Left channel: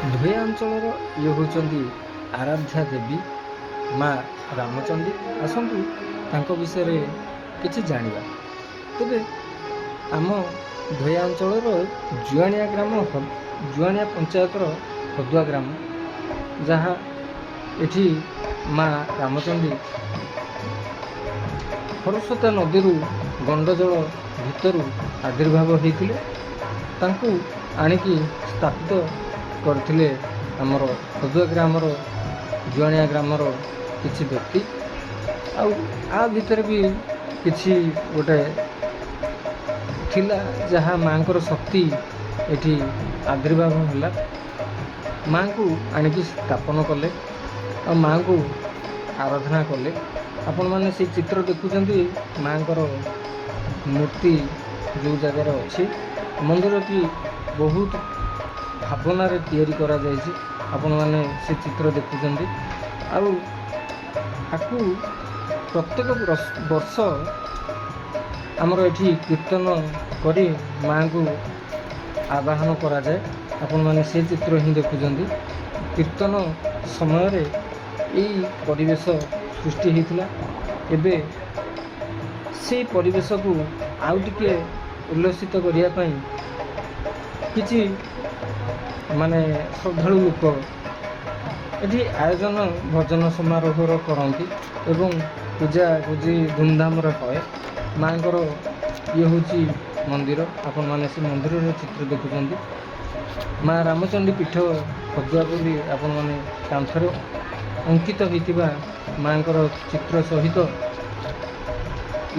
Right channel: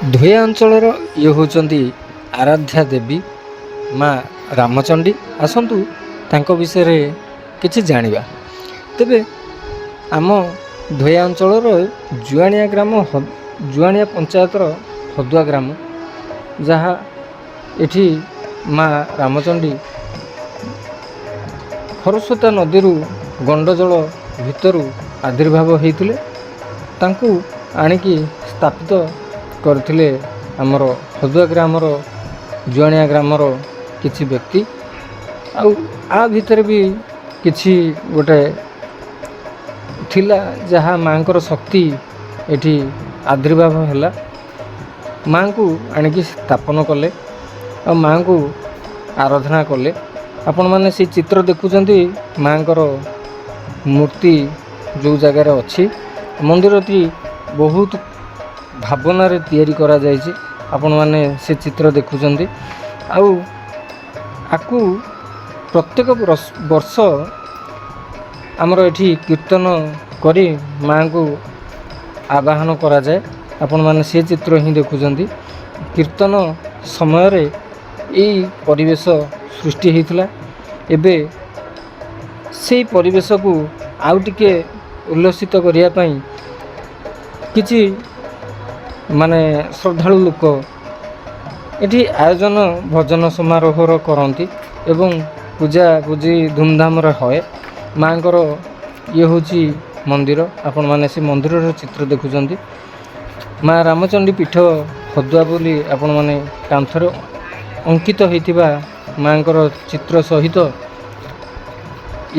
ଧୋୟା ଅଞ୍ଚଳର ଇଏ ହେଉଛନ୍ତି ଆରାଧ୍ୟା ଦେବୀ ମା ରାମଚଣ୍ଡୀ। ଆସନ୍ତୁ ତାଙ୍କ ବିଷୟରେ କିଛି ଜାଣିବା। ତେବେ ଆମ ଧୋୟା ଅଞ୍ଚଳର ଜୁଆଣିଆ ଗ୍ରାମ ଜୁଆଣିଆ ପଞ୍ଚାୟତର ହଦୁଆ ଗ୍ରାମ, ଯାହା ଏଠି ମା ରାମଚଣ୍ଡୀ ଖରସ୍ରୋତା ନଦୀରୁ ଗଣ୍ଡଜଳ ଭିତରୁ ଆବିର୍ଭାବ ହୋଇଥିଲେ। ତାଙ୍କୁ ଆଣିକି ସ୍ଥାପିତ କରିଥିଲେ ଆମର ହଦୁଆ ଗ୍ରାମର ଜୁଆଣିଆ ଗ୍ରାମର କିଛି ବ୍ୟକ୍ତି। ଆଉ ଆ ଭିତରେ ବି କିଛି ଗୋଟେ ଥିଲା, ଯାହା ମାଙ୍କର ଶକ୍ତି ଏଠି ଆବିର୍ଭାବ ହେଲା। ମାଙ୍କୁ ଆଣିକି ସ୍ଥାପନ କଲେ ଆଉ ମାଙ୍କୁ ଆରାଧନା କଲେ। ଆପଣମାନେ ସେଇ ଚିତ୍ର ଦେଖୁଛନ୍ତି, ମାଙ୍କର ମୂର୍ତ୍ତି ଯେଉଁ ଜାଗାରେ ଅଛି। ମନ୍ଦିରଟି ବହୁତ ଭାବନାରେ ତିଆରି କରାଯାଇଛି। ଆପଣମାନେ ସେ ଚିତ୍ର ଦେଖୁଛନ୍ତି। ଆଉ ଆକୁ ପ୍ରତ୍ୟେକ ବର୍ଷ ଆମର ଏଠି କୀର୍ତ୍ତନ କରି ମାଙ୍କୁ ଆବାହନ କରାଯାଏ। ଆପଣମାନେ ସେ ଚିତ୍ର ହିଁ ଦେଖୁଛନ୍ତି। କୀର୍ତ୍ତନ ସମୟରେ ଏଇ ପରିବେଶ ସୃଷ୍ଟି ହୋଇଥିଲା। ଏବେ ସେଇ ପରିବେଶକୁ ଆଉ ଟିକେ ଉଲ୍ଲସିତ କରିବା ପାଇଁ କିଛି ଶ୍ରଦ୍ଧାଳୁ ଲୋକ ଏଠି ଆୟୋଜନ ଭଜନ ସମାରୋହର କରନ୍ତି ଏବଂ ପୂଜାପୂଜି ଧୁମଧାମରେ ହୁଏ। ମାଙ୍କର ଇଏ ହେଉଛି ମନ୍ଦିର। ଆପଣମାନେ ସେ ମନ୍ଦିରର ଚିତ୍ର ଦେଖୁଛନ୍ତି। ମା ରାମଚଣ୍ଡୀ ପୀଠ ହଦୁଆ ବୋଲି ଆପଣମାନେ କାନ୍ଥରେ ଅଙ୍କିତ ହୋଇଥିବା ମାଙ୍କର ଚିତ୍ର ସହିତ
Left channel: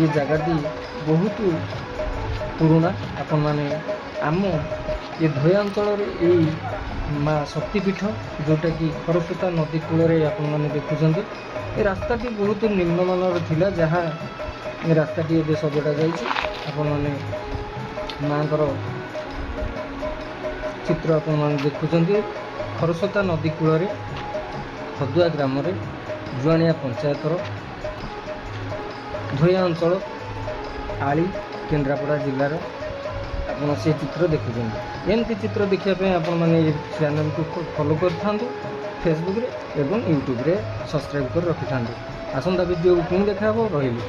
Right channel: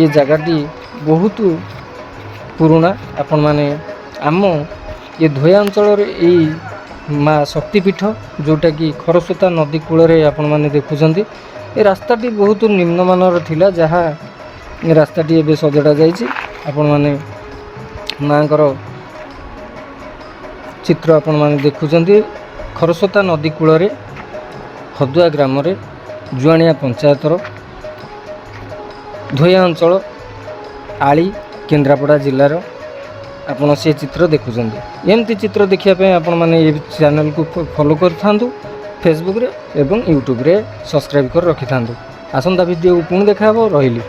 ଏ ଜାଗାଟି ବହୁତ ପୁରୁଣା। ଆପଣମାନେ ଆମ ଏ ଧୋୟା ଅଞ୍ଚଳରେ ଏଇ ମା ଶକ୍ତିପୀଠ, ଯେଉଁଟାକି ଖରସ୍ରୋତା ନଦୀ କୂଳରେ ଆପଣମାନେ ଦେଖୁଛନ୍ତି। ଏ ରାସ୍ତାଟି ବହୁତ ନିମ୍ନମାନର ଥିଲା, ଯାହା ଏ ରାସ୍ତାଟି ଏବେ ସଜଡ଼ା ଯାଇଛି। ଆପଣମାନେ ମାଙ୍କର ଚିତ୍ର ଆପଣମାନେ ଦେଖୁଛନ୍ତି। ଖରସ୍ରୋତା ନଦୀ କୂଳରେ ହଦୁଆ ଗ୍ରାମରେ ଜୁଆଣିଆ ପଞ୍ଚାୟତର ଧୋୟା ଅଞ୍ଚଳ ଆଳି କେନ୍ଦ୍ରାପଡ଼ା ଜିଲ୍ଲାର ଆପଣ ସେ ଚିତ୍ର ଦେଖୁଛନ୍ତି। ଏମିତି ଚିତ୍ର ଦେଖିବା ପାଇଁ ଆପଣମାନେ ଏ ଚ୍ୟାନେଲକୁ ଫଲୋ କରିଥାନ୍ତୁ ଫେସବୁକରେ ଏବଂ ୟୁଟ୍ୟୁବରେ ସବସ୍କ୍ରାଇବ୍ କରି ରଖିଥାନ୍ତୁ। ଆସନ୍ତା ଭିଡ଼ିଓକୁ ପୁଣି ଦେଖା ହେବ। ରହିଲି।